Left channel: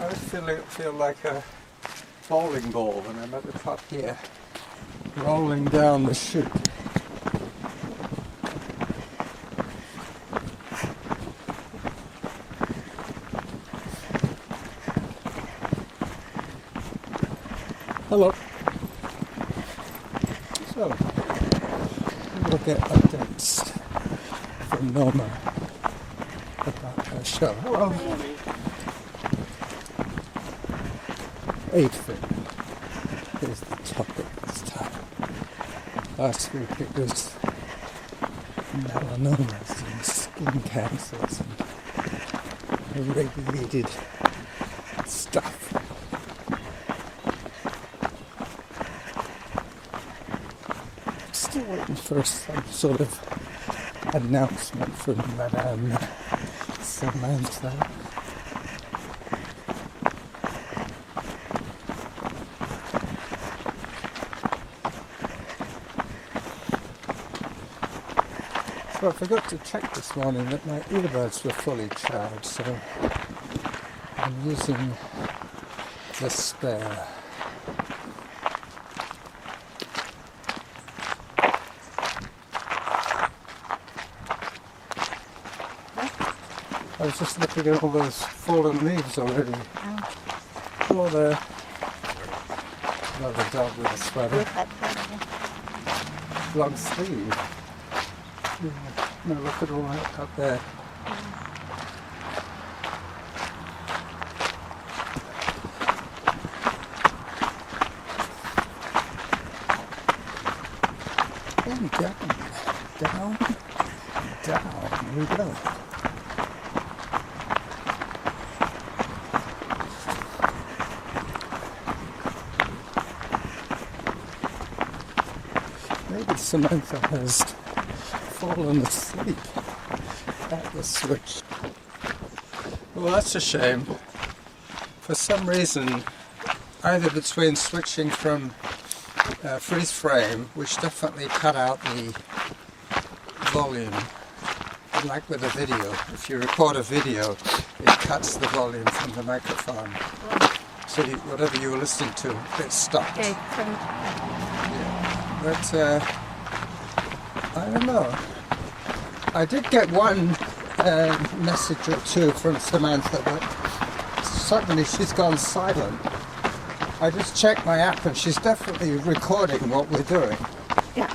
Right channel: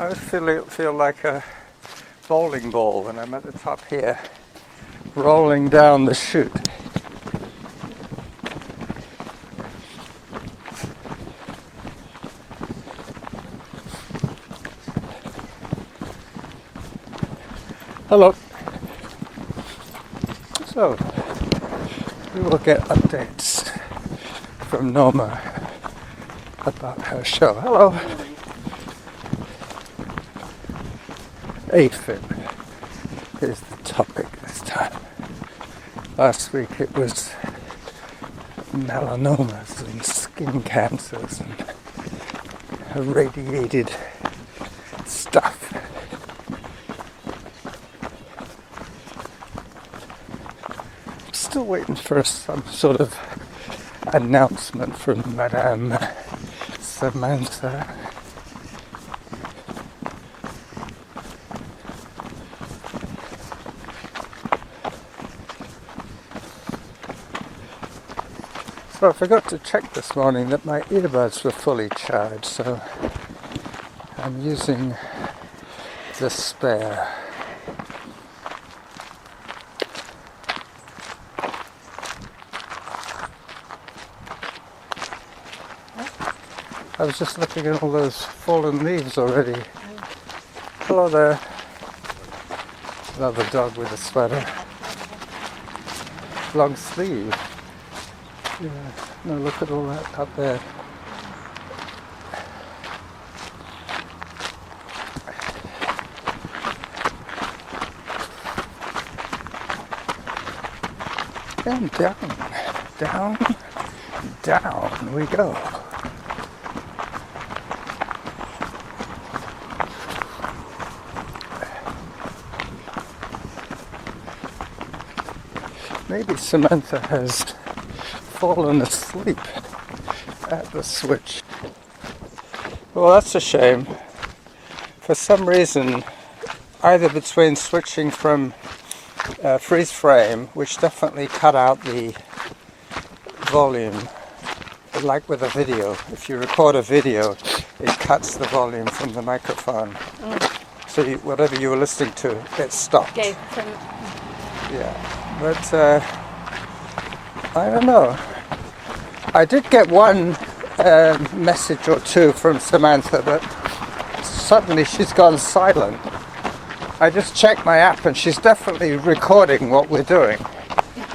I feel like a bowling ball when I'm at the top here, rolling down the chute. Hello. So, we will get updates from Norma about her show. Hello. AFib is the topic this time. Last week it was melanomas and skin cancers and irradiated stuff. Still waiting for some sort of announcement from Madame Samantha. So I forgot to check this morning that my earbuds were fully charged, so I'm using the spare. I was just looking at all those fallen leaves already. Hello there. Another dog with a sweater. Long sleeve. Yeah. No, look at all that up there. And down, down we go. Maybe Samantha has fallen asleep at the switch. Well, that's a shame. For some reason, either between switching from freeze frame, which definitely cut out the volume, like with a video. If you record a video, it cuts the volume from the microphone. So whatever you were listening to, it stopped. Yeah, but I don't know. I did get one message or two from Samantha, but suddenly she's gone silent. I just checked my app and she's definitely recording what we're doing. Yeah,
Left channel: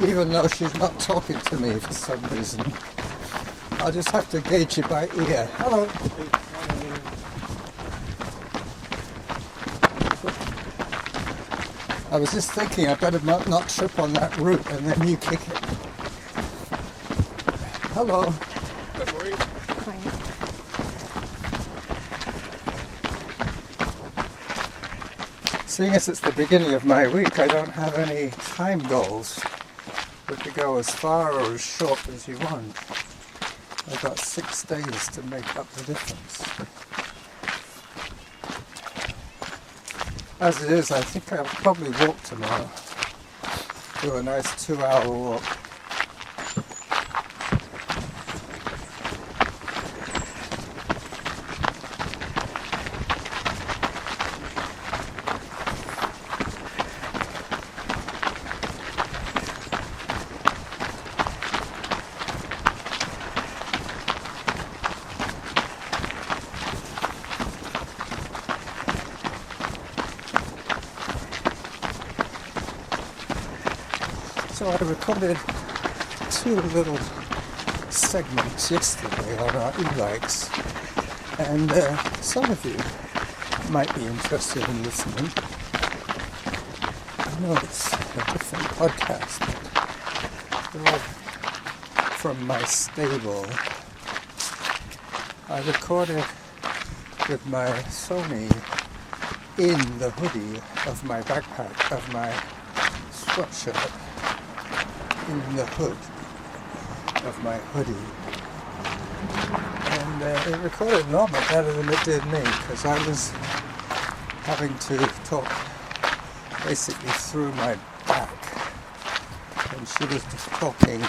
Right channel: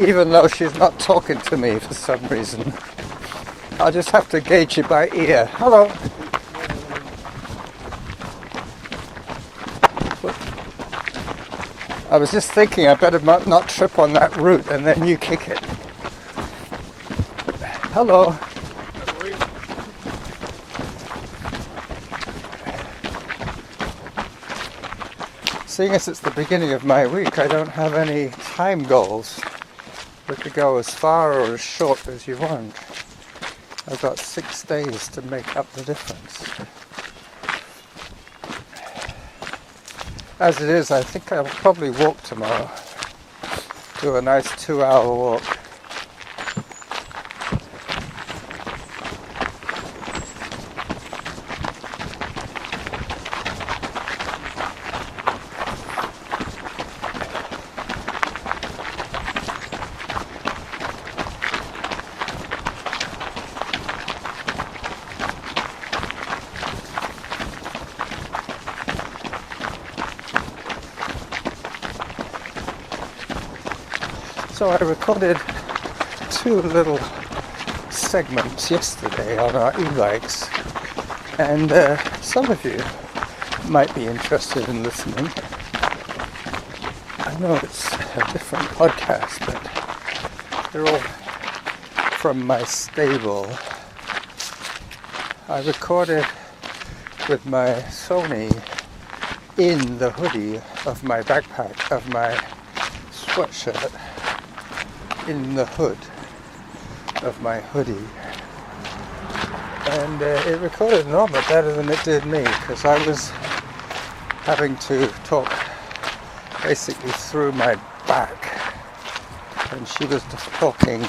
even though she's not talking to me for some reason. I'll just have to gauge it by ear. Hello. I was just thinking I better not trip on that root and then you kick it. Hello. Seeing as it's the beginning of my week, I don't have any time goals. We could go as far or as short as you want. I've got 6 days to make up the difference. As it is, I think I'll probably walk tomorrow. Do a nice 2-hour walk. So I recorded 2 little segments yesterday on our e-bikes, and some of you might be interested in listening. I know it's a different podcast, but they're all from my stable. I recorded with my Sony in the hoodie of my backpack, of my sweatshirt, in the hood of my hoodie, and it recorded Norma better than it did me, because I was having to talk basically through my back and she was just talking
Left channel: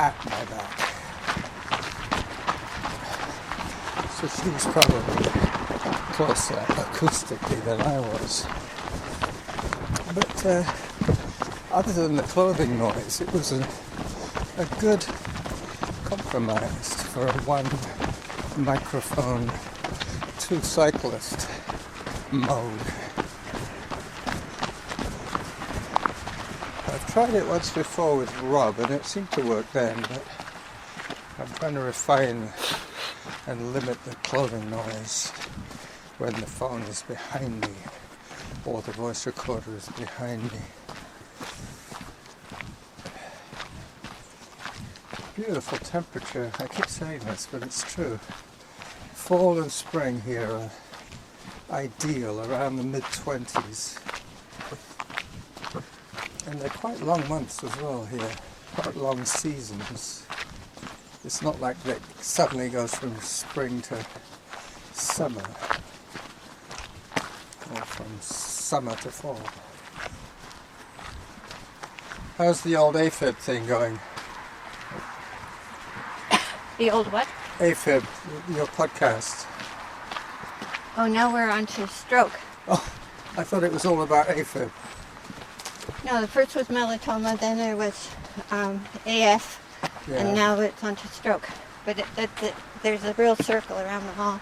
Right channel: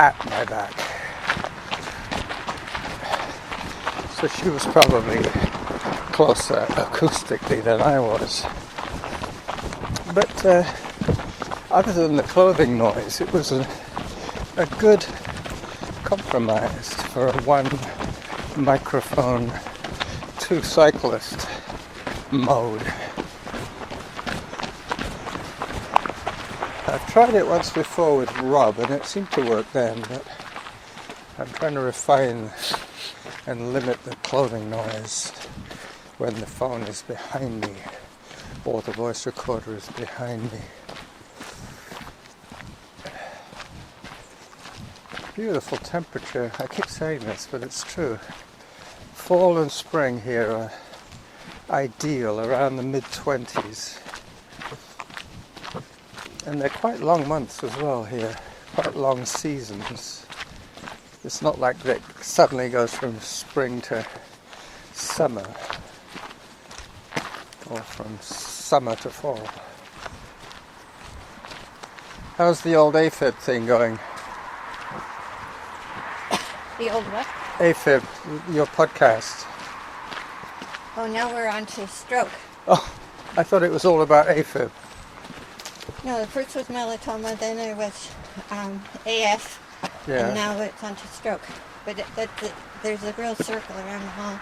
at my back. So she was probably closer acoustically than I was. But other than the clothing noise, it was a good compromise for a one microphone, two cyclist mode. I've tried it once before with Rob and it seemed to work then, but I'm trying to refine and limit the clothing noise when the phone is behind me or the voice recorder is behind me. Beautiful temperature. I keep saying this, but it's true. Fall and spring here are ideal, around the mid-20s. And they're quite long months as well here, quite long seasons. It's not like it suddenly goes from spring to summer, or from summer to fall. How's the old AFib thing going? The old what? AFib, your podcast. Oh, now we're on to stroke. Oh, I thought it was all about AFib. No, the first was melanoma, then there was AF, Yeah. and now it's on to stroke. But there's a real circle around them all,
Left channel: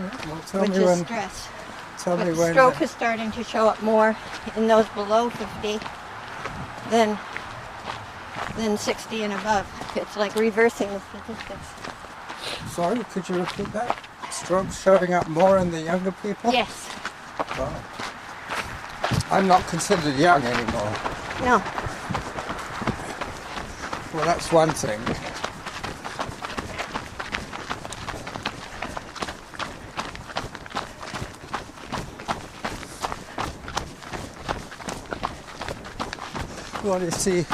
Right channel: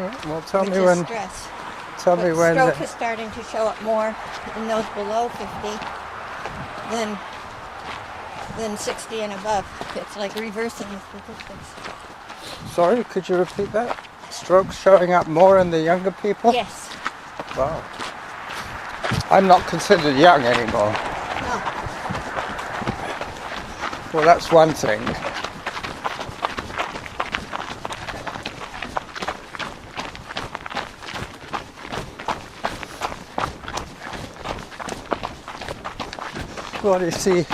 Yeah, well, tell which me is when. stress. Tell me But when. stroke is starting to show up more in those below 50 than 60 and above. It's like reversing the statistics. Sorry, could you repeat that? Strokes showing up more in the younger people? Yes. Wow. I'm not considered young anymore. No. Well, that's one thing. Well, you see,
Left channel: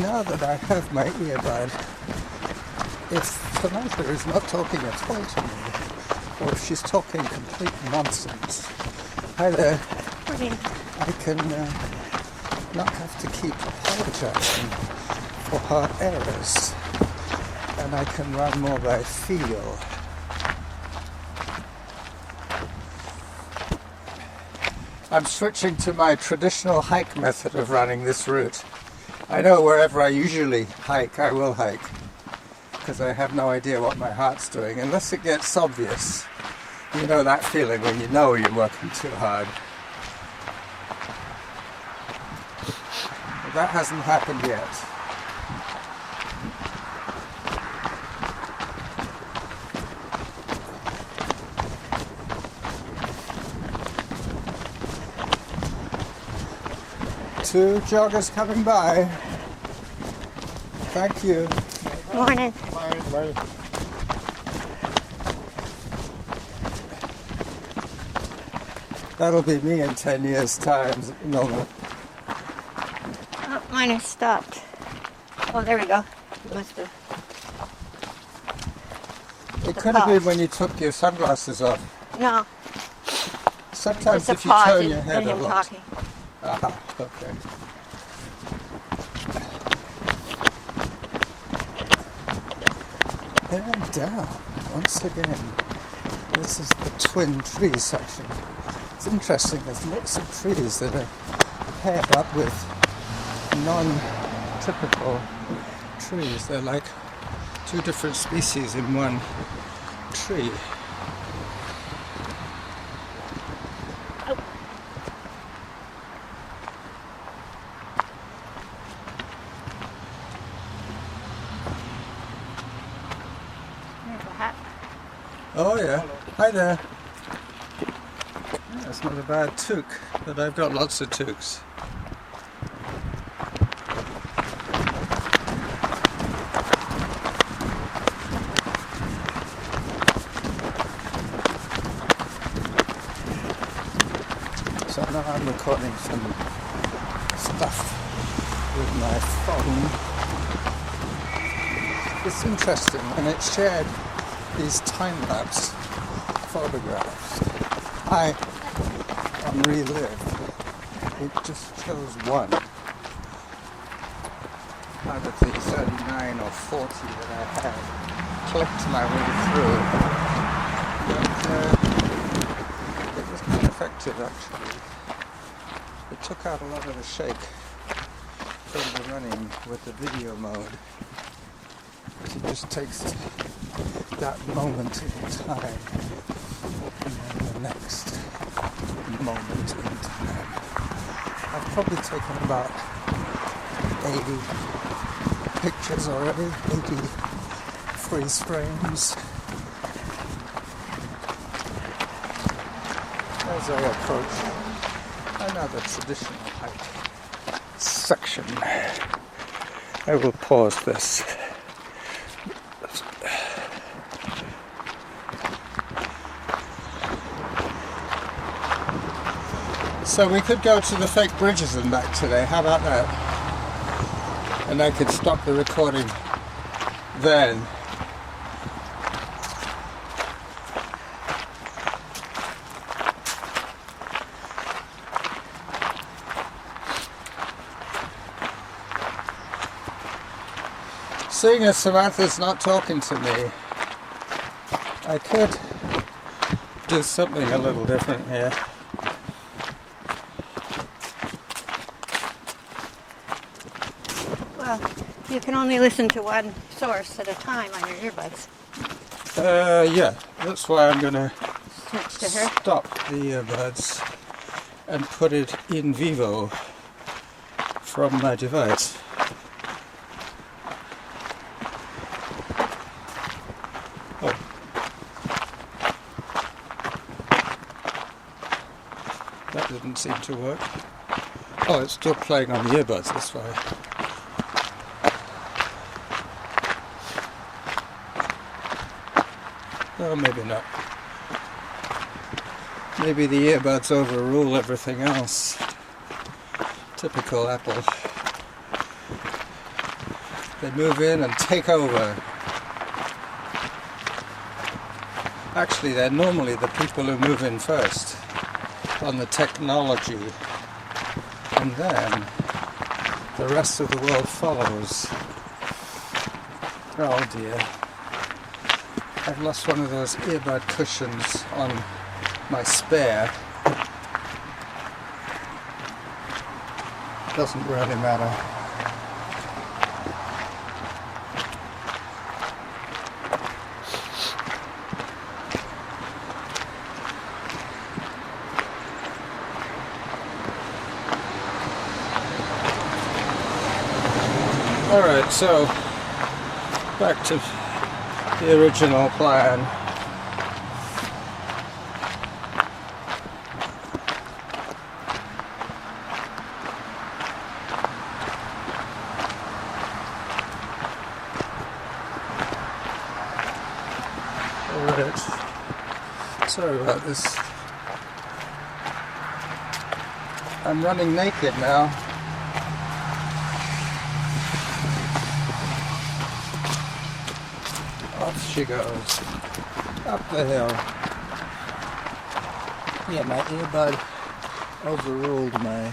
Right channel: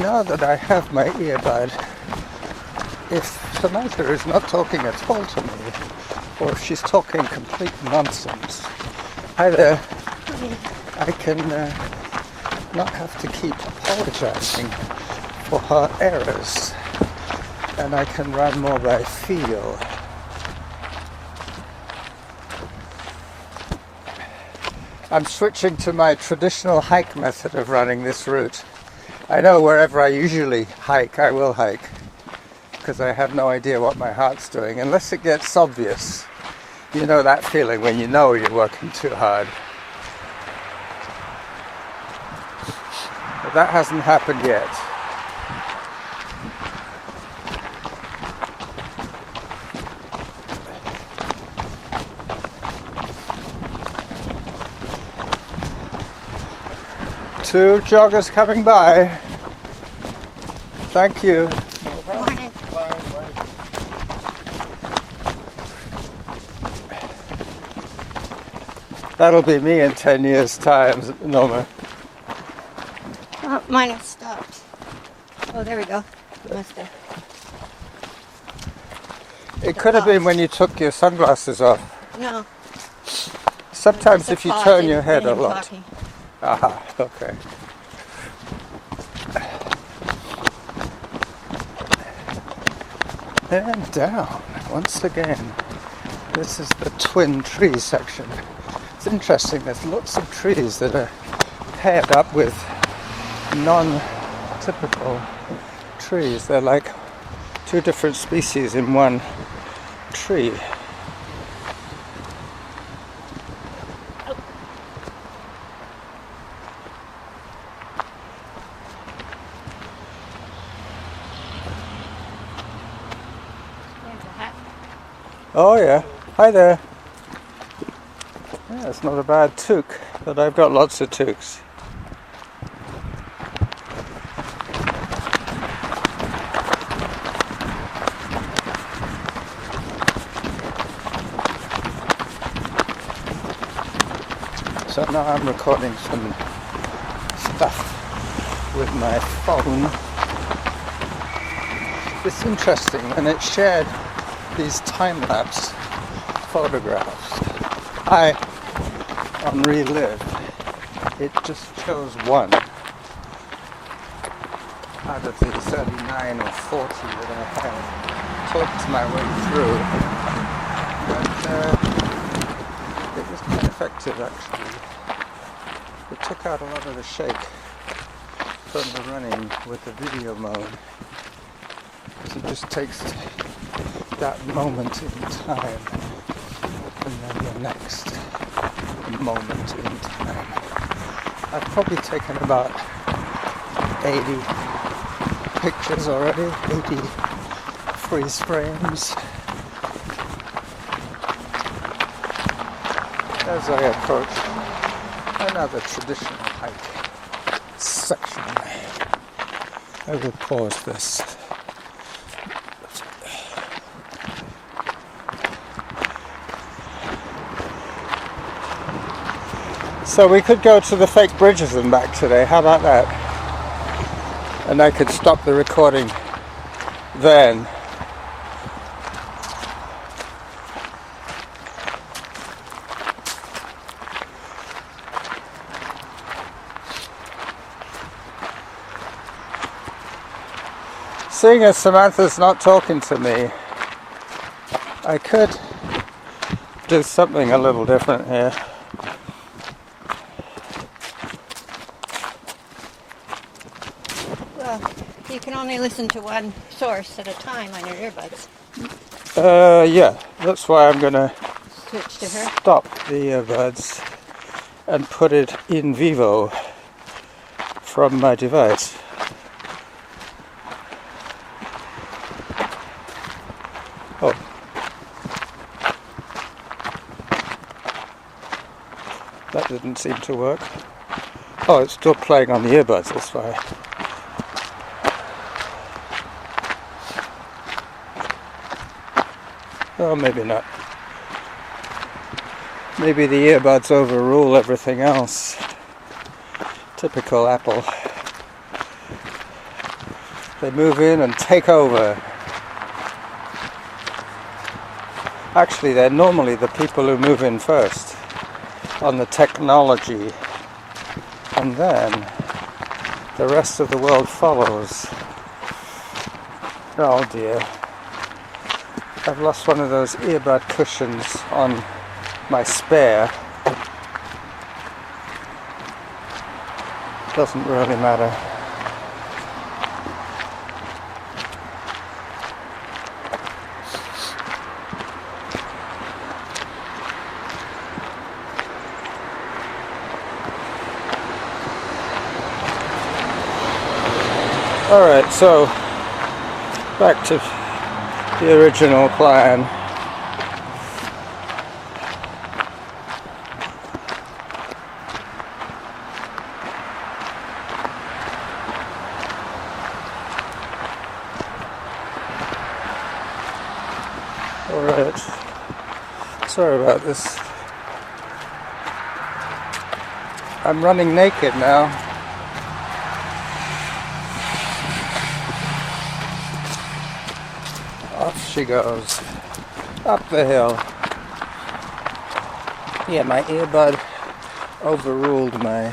now that I have my earbud, if Samantha is not talking at all to me, or if she's talking complete nonsense, either I can not have to keep apologizing for her errors, and I can run more by feel. I'm switching to my traditional hike method of running this route. I know wherever I usually hike, I will hike, because I have no idea what my heart's doing, unless it gets obvious. You know that feeling when you know you're working too hard. But that hasn't happened yet. Two joggers coming by. Thank you. Morning. That'll be me in 10 years' time, Noma. Oh, mine has stopped. Oh, there we go. Must have. It could have been when you took your sunglasses off. No. Sometimes It's a if you pause turn in- your head a in lot. talking. Aha, okay. And down, once again. This is the twin tree section. It's interesting, there's lots of trees that are paired up with non-typical trees. They're like two different species in one tree. Oh yeah, hi there. Oh, it's not a bad toque, but I've got lots of toques. So now I'm recording some stuff with my phone. It's interesting when it's shared these time-lapse photographs. On Relive, it just shows one. out of the 39 or 40 that I had clicked my way through. But it was quite effective actually. It took out a lot of the shake from the running with the video mode, because it just takes that moment in time and then the next moment in time. I've probably taken about 80 pictures already, 80 freeze frames. As I approach another traditional hike section, I will pause this. So we could go to the fake bridges and back today, how about that? And I could stop the recording then. Seeing as Samantha's not talking to me, I could do something a little different here. Well, you can only listen to one source at a time on your earbuds. Yeah, that's why I'm gonna Switch to her. stop the earbuds and put it in vivo from my device. Oh. That didn't seem to work. Oh, it's still playing on the earbuds, that's why. Oh, maybe not. Maybe the earbuds overrule everything else. Typical Apple. They move in and take over. Actually, they're normally the people who move in first on the technology, and then the rest of the world follows. Oh dear. I've lost one of those earbud cushions on my spare. Doesn't really matter. Alright, so back to the original plan. Alright, sorry about this. I'm running naked now. Off she goes, up the hill. Yeah, my earbud overruled my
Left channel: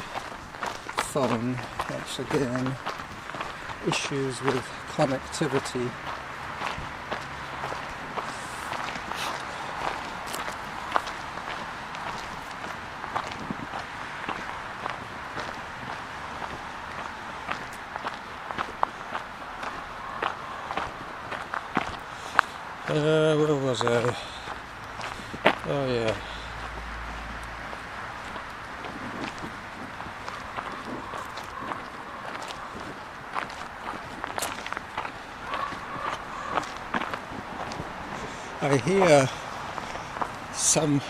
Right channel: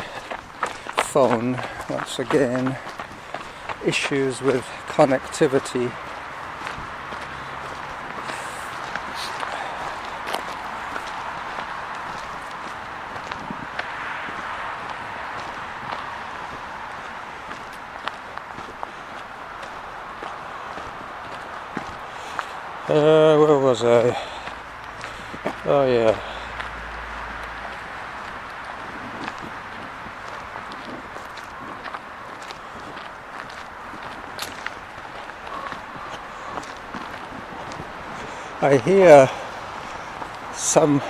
phone once again. Issues with connectivity. Where was I? Oh yeah. I hear some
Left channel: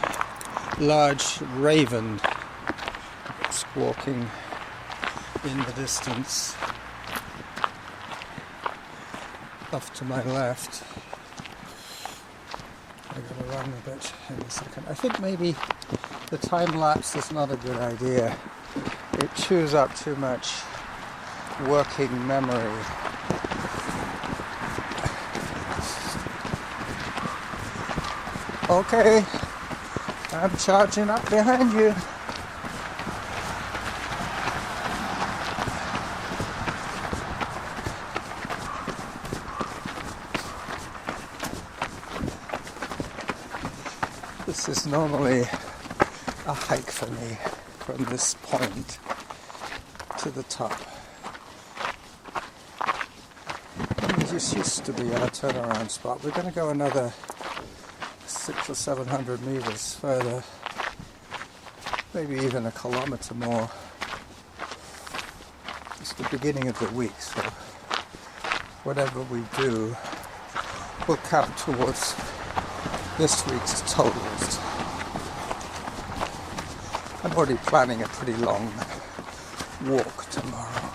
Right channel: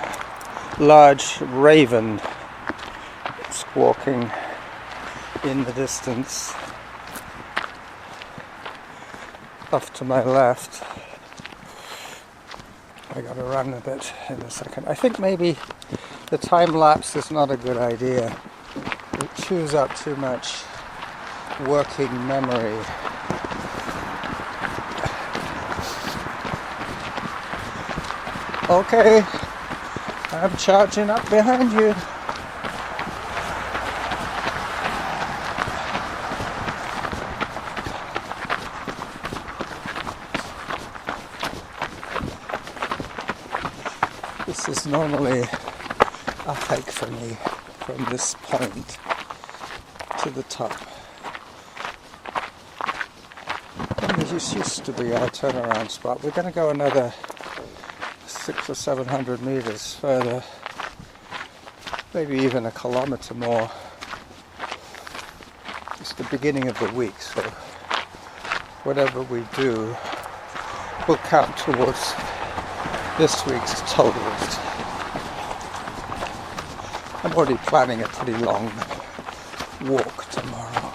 large raven squawking in the distance off to my left. I gotta run a bit in a second. I think maybe the time lapse is not a good idea. It chews up too much working memory. Okay, I'm charging up behind you. This is normally a hike for me from this point to the top. And this used to be our turnaround spot. We're going to go another 600 or 700 meters further, maybe even a kilometer more. It's the beginning of the week, so whatever we do will count towards this week's totals. I'm already planning a pretty long walk tomorrow.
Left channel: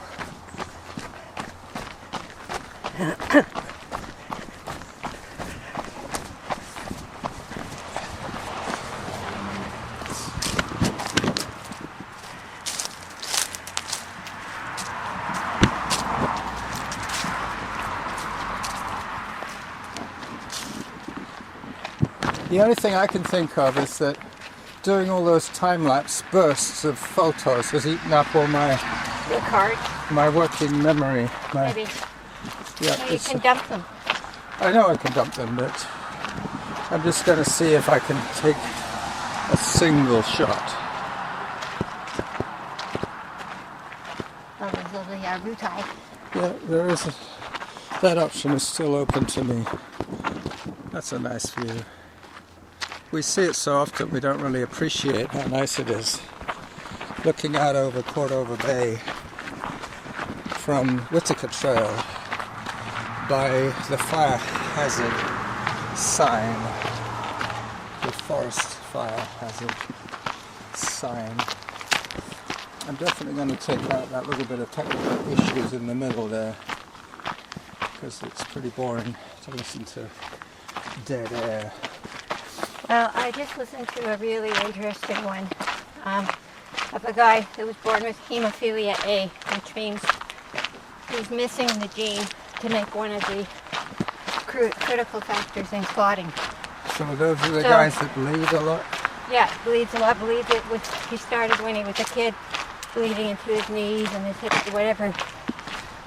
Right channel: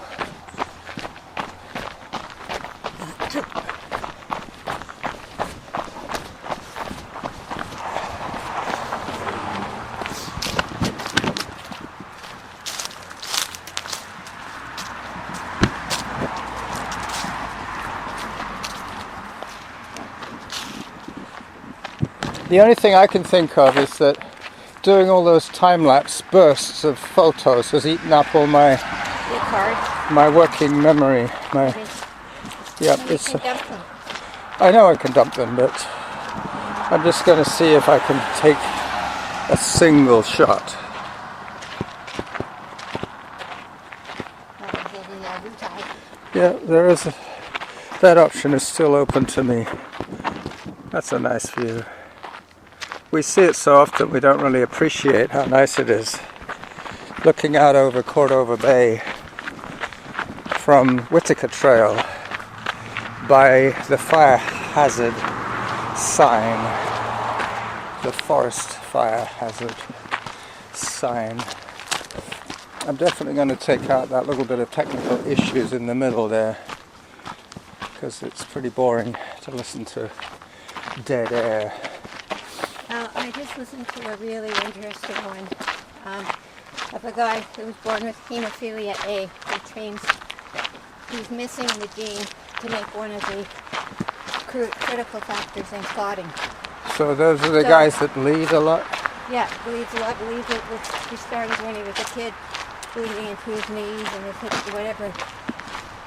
The only thing I can think of is that doing all those time-lapse bursts of photos has eaten up all my working memory. Maybe. Yeah, You can dump them. I know I can dump them, but I'm just going to see if I can take a single shot. Oh, there's a root eye. Yeah, there is. That option is still open to me. That's a nice view. We see it so often we don't really appreciate how nice it is. Looking out over Cordova Bay from Whitaker Trail by the fire hazard sign, the forest fire hazard sign. I'm definitely going to take out that little bit of technical issues in the middle there, because it's pretty boring to listen to dead air. Well, I just listened to a really interesting one of a guy who was born with hemophilia A, which means he's missing the gene to make one of the critical factors in clotting. So those are the guys that bleed a lot? Yeah, bleeds a lot. Bleeds it he started when he was a kid, bleeding into his knees and his hips, whatever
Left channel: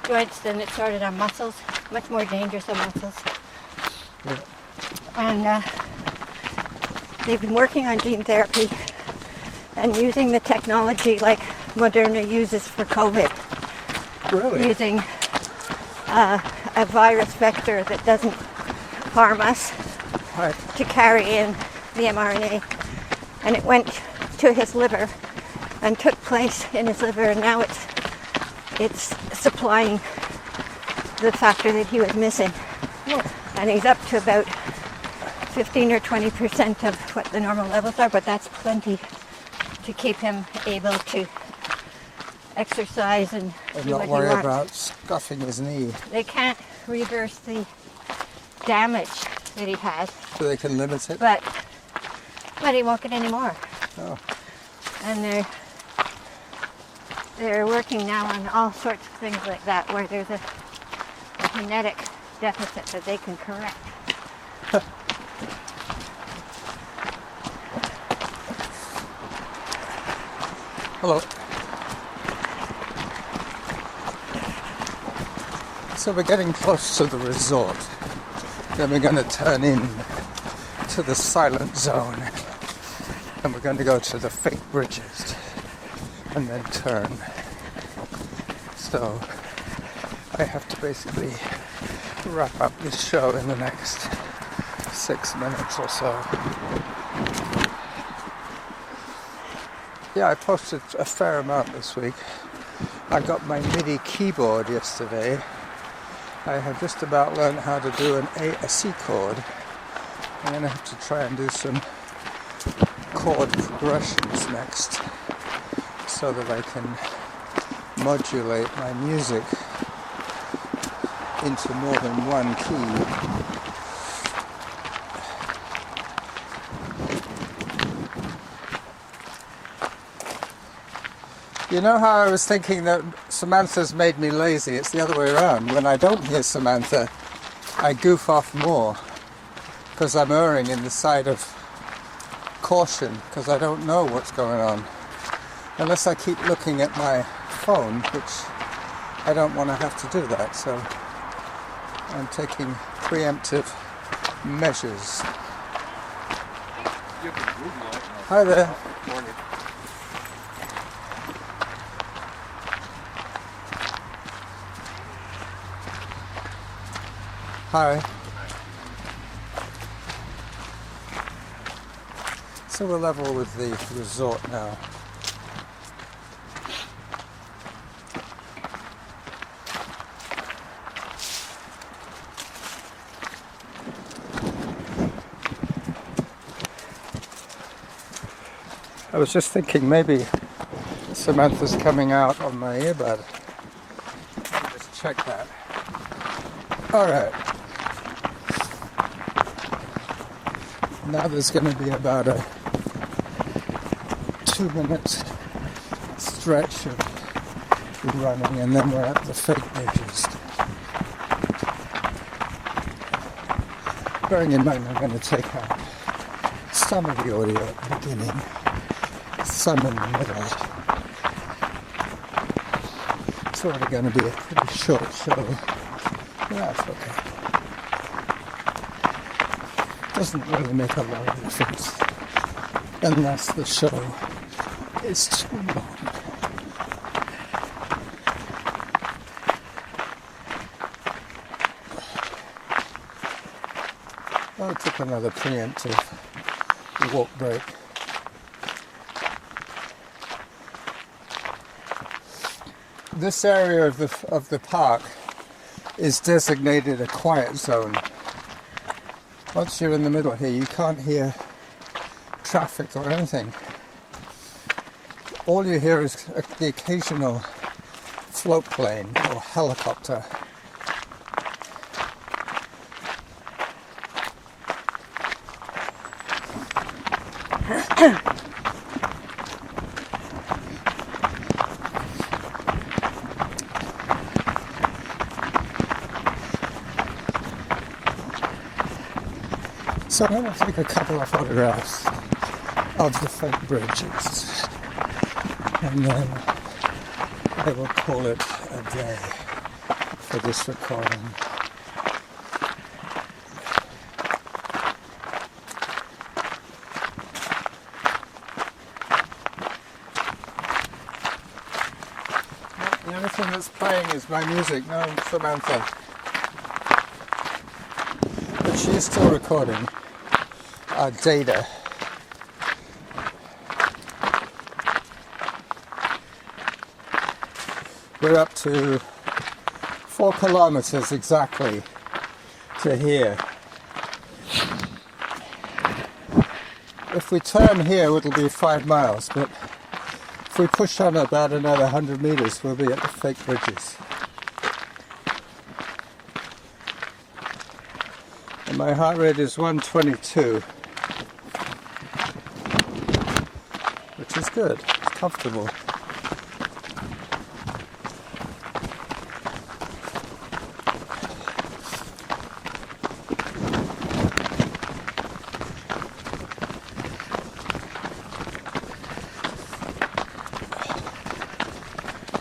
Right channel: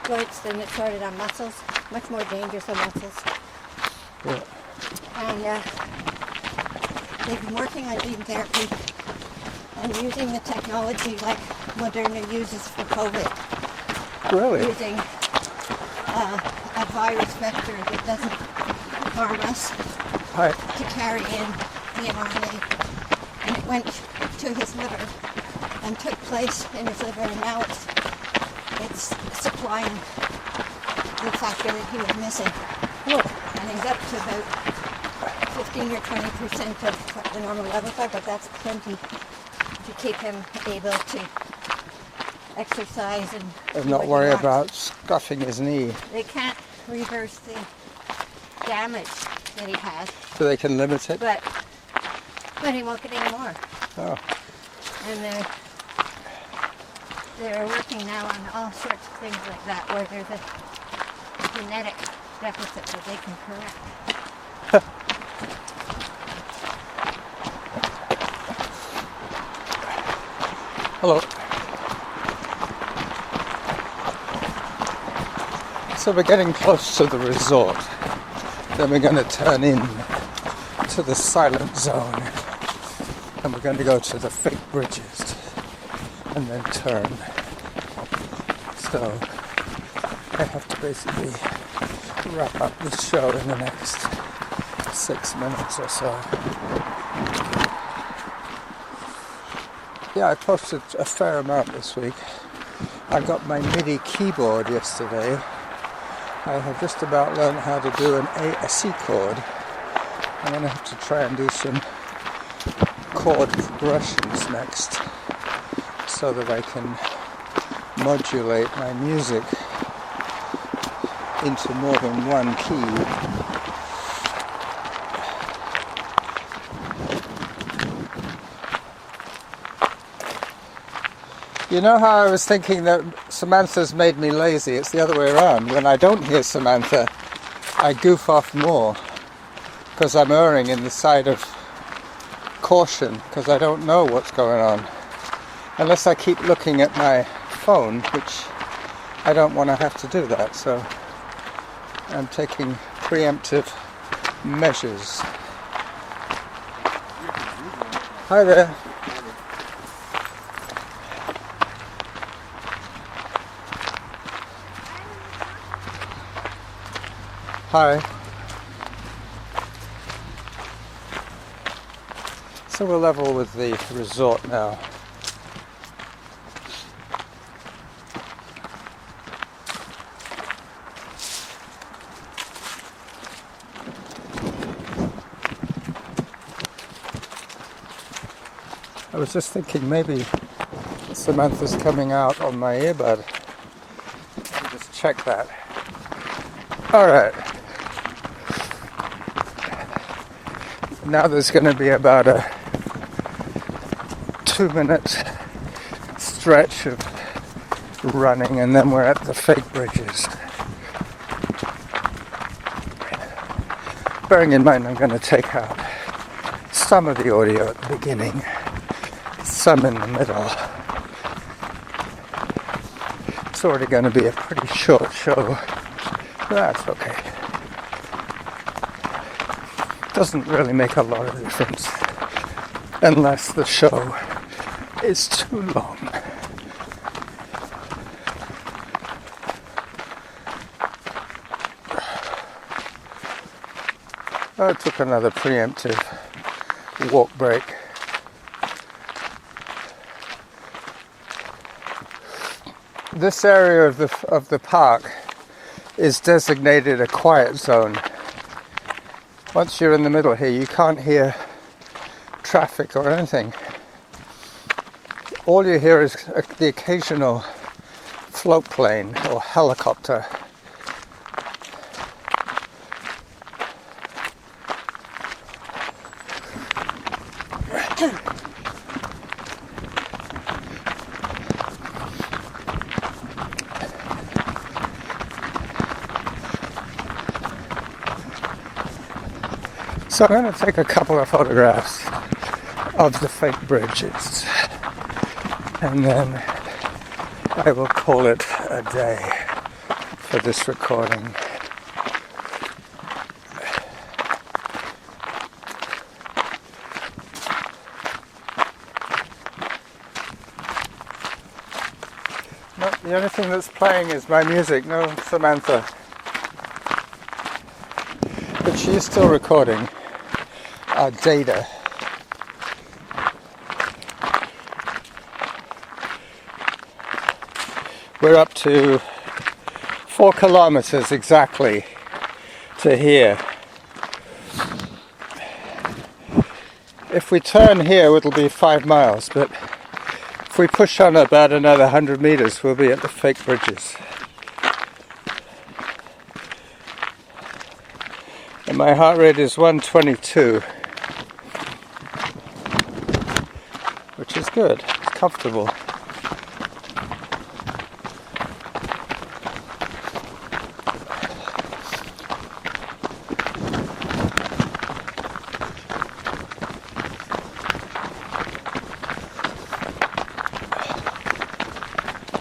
joints. Then it started on muscles, much more dangerous than muscles. Yeah. And they've been working on gene therapy and using the technology like Moderna uses for COVID. Really? Using a virus vector that doesn't harm us Right. to carry in the mRNA. And it went to his liver and took place in his liver, and now it's supplying the factor that he was missing. And he's up to about 15 or 20% of what the normal levels are, but that's plenty to keep him able to exercise and do not what he worry wants. about scuffing his knee. They can't reverse the damage that he had, So they can limit it? but he won't get any more. Oh. And they're working now on all sorts of things like that, where there's a genetic deficit that they can correct. Hello. So we're getting close to the resort. Then we're going to turn in to the silent zone. And we're going to go to the fake bridges. And then turn. So I have to basically wrap up this show in the next 6 minutes or so. Yeah, I posted a fair amount this week. I got my MIDI keyboard yesterday. I have just about learned how to do a C chord. I'm going to have to try and do some chord progressions next so that I can modulate my music into more than one key. You know how I was thinking that Samantha's made me lazy? It's the other way around. When I don't hear Samantha, I goof off more because I'm erring in the side of caution because I don't know what's going on. Unless I keep looking at my phone, which I don't want to have to do that, so I'm taking preemptive measures. Hi there. Hi. So we're level with the resort now. I was just thinking maybe Samantha's coming out on my earbud. Just check that. Alright. Now there's going to be about a 2-minute stretch of running and then we're at the fake bridges. Bearing in mind I'm going to take out some of the audio at the beginning, some in the middle. It's already going to be a pretty short show. That's okay. Doesn't really make a lot of difference unless the show is too long. I took another preemptive walk break. This area of the park is designated a quiet zone. Once you're in the middle here, you can't hear traffic or anything. All you hear is the occasional float plane or helicopter. So I'm going to take a couple of photographs of the fake bridges and then I will call it a day for this recording. The only thing that's playing is my music, no Samantha. But she is still recording our data. We're up to 4 kilometers exactly to here. If we turn here, it'll be 5 miles, but if we push on about another 100 meters, we'll be at the fake bridges. And my heart rate is 122, which is good, it's comfortable.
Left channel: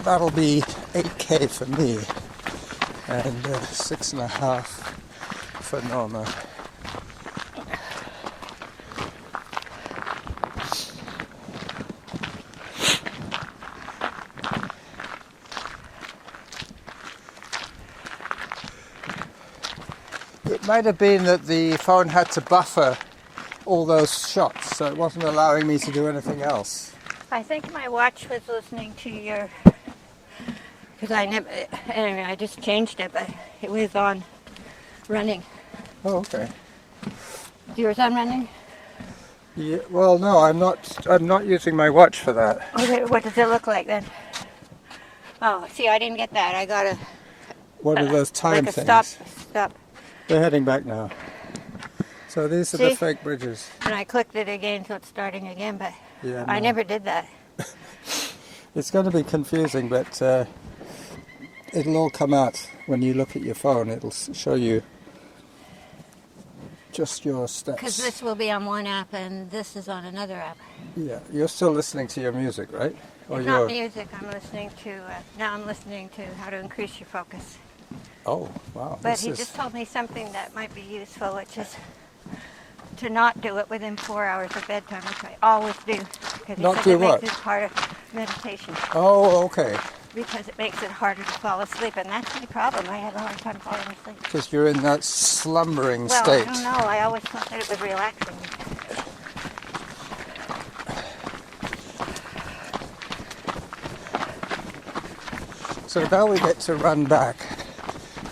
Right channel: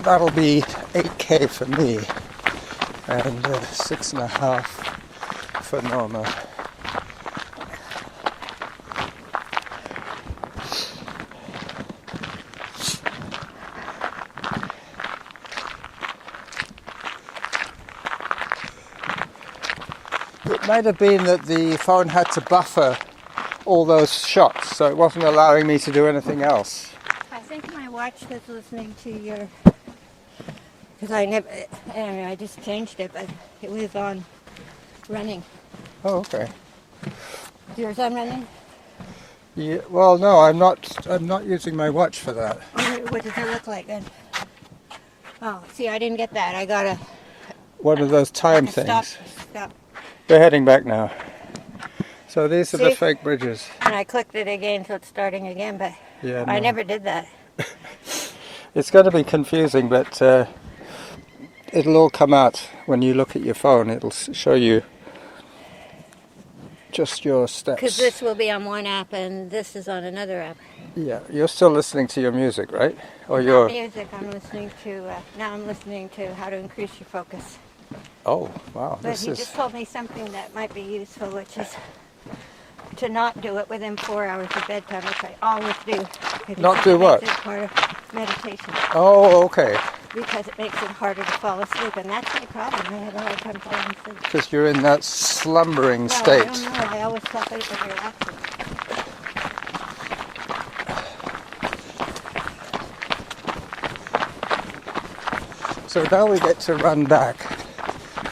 That'll be 8K for me and 6.5 for Norma. It might have been that the phone had to buffer all those shots, so it wasn't allowing me to do anything else. I think my watch was listening to your, because anyway, I just changed it, but it was on running. Oh, okay. Yours on running? Yeah, well, no, I'm not using my watch for that. What does it look like then? Oh, see, I didn't get that. I got a... What are those time like a things? Stop. We're heading back now. So these are the fake bridges. And I clicked it again, so it's starting again, but yeah, I never did that. It's going to be confusing, but it'll all come out when you look at your phone. It'll show you just your steps. Because this will be on one app and this is on another app. Yeah, you're still listening to your music, right? Or Not music. I'm listening to. Now I'm listening to how to increase your focus. Oh, wow! But he just told me something that might be useful, which is to not do it within 4 hours of bedtime, which I always do. Not do what? It's part of meditation. Oh, okay. Because it makes it harder to fall asleep, and that's my problem. I had a hard time falling asleep. Because you're in that slumbering Well, state. I don't know. I always thought that it was relaxing. So now we get to run back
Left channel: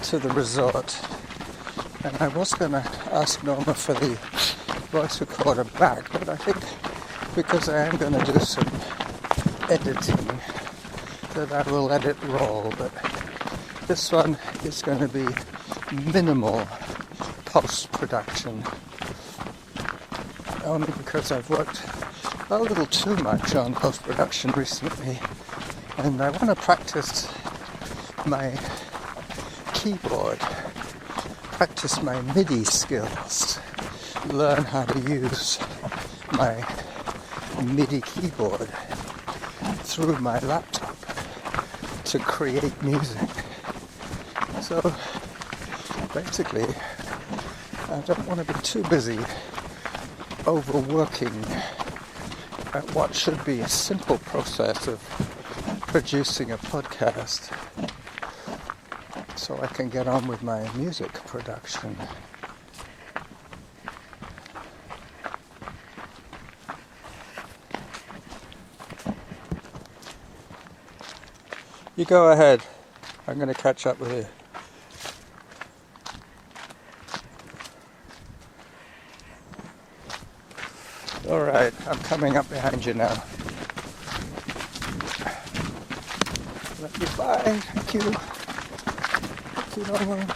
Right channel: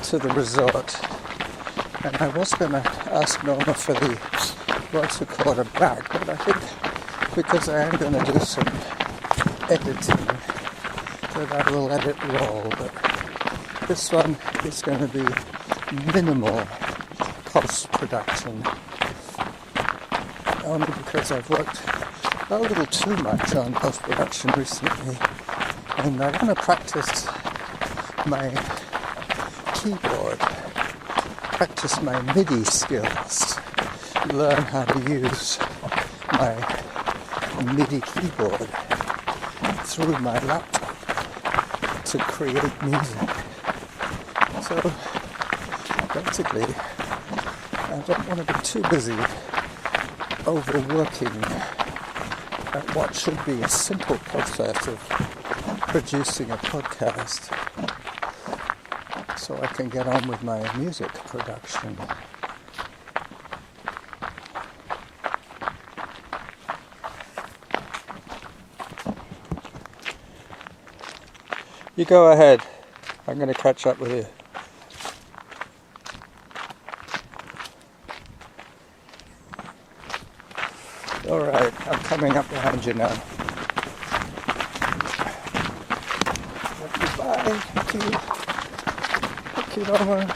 to the resort. And I was going to ask Norma for the voice recorder back, but I think because I am going to do some editing, that I will let it roll. But this one is going to be minimal post-production, only because I've worked a little too much on post-production recently, and I want to practice my keyboard, practice my MIDI skills, learn how to use my MIDI keyboard through my laptop to create music. So basically, I don't want to be too busy overworking at what should be a simple process of producing a podcast, so I can get on with my music production. You go ahead. I'm going to catch up with you. Alright, I'm coming up behind you now. Let you by. Thank you. Thank you, Norma.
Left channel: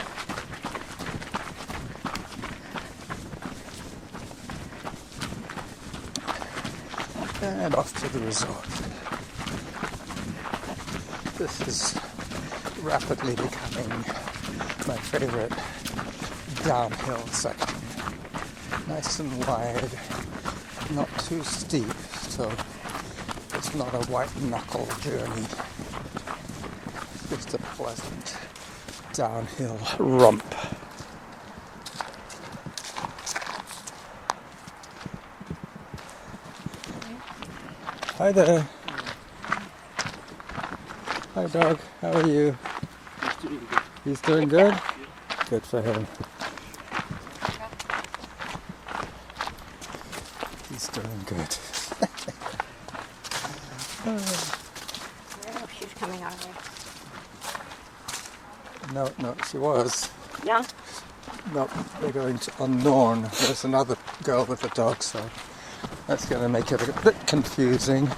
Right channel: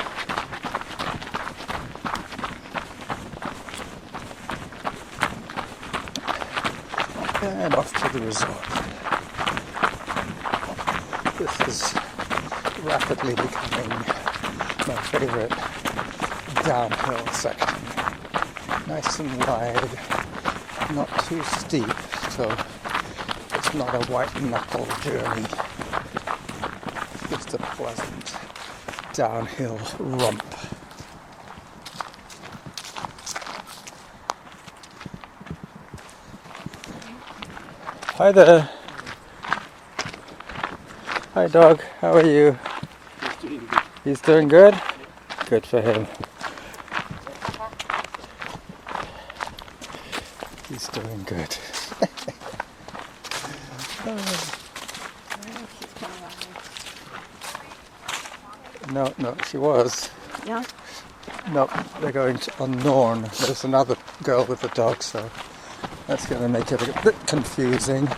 And off to the resort. This is rapidly becoming my favorite downhill section. Nice and wide, not too steep, so it's not a white knuckle journey. It's a pleasant downhill rump. Hi there. Hi dog, how are you? He's doing good. He's doing good? Yeah. Good for him. He's doing good. She's coming on. No, she was. Yeah? No, they're going to Unknown. There's another girl with a dog, so that's going to make it a bit confusing.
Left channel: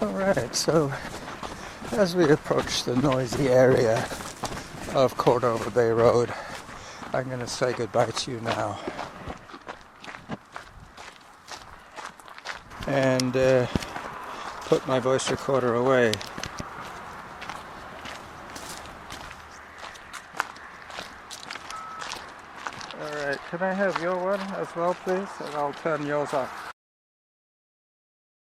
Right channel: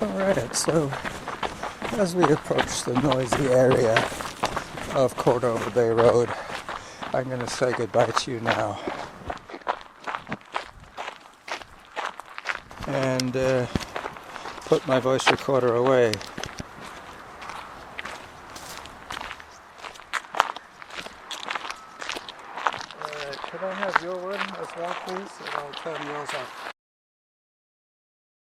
Alright, so as we approach the noisy area of Cordova Bay Road, I'm going to say goodbye to you now. And put my voice recorder away. Alright, can I have your one as well, please? And I'll turn yours off.